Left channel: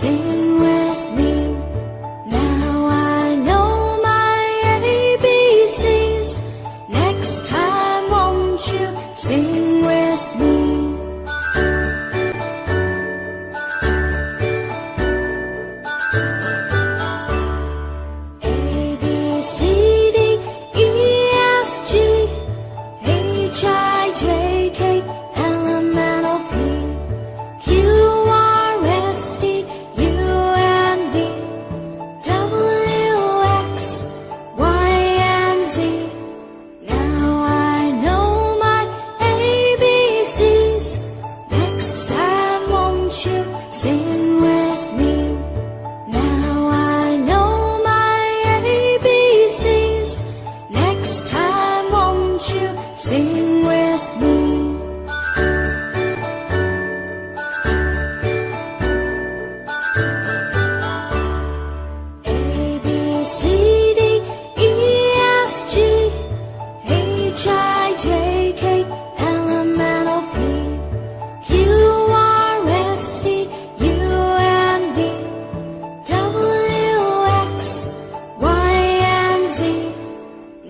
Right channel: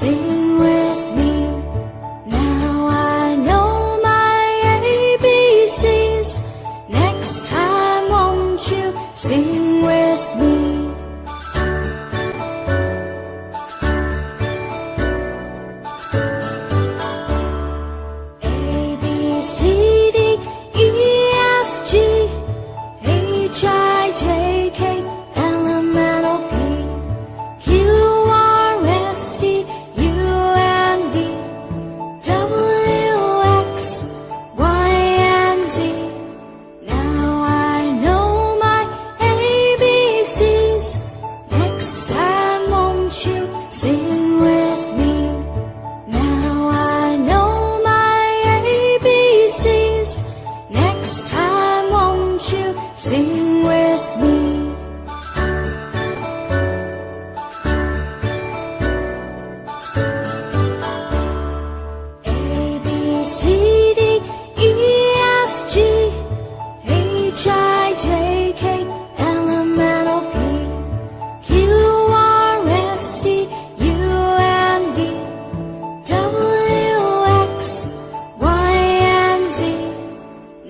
Sing with me. Now I know my ABCs. Next time won't you sing with me? A, B, C, D, E, F, G, H, I, J, K, L, M, N, O, P, Q, R, S, T, U, and V, W, X, Y, and Z. Now I know my ABCs. Next time won't you sing with me? Now I know my ABCs. Next time won't you sing with me? A, B, C, D, E, F, G, H, I, J, K, L, M, N, O, P, Q, R, S, T, U, and V, W, X, Y, and Z.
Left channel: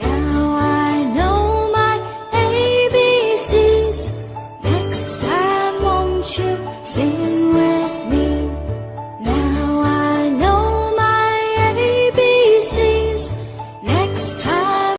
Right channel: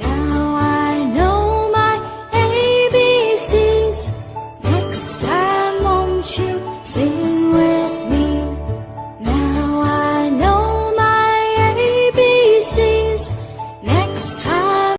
Now I know my ABCs. Next time won't you sing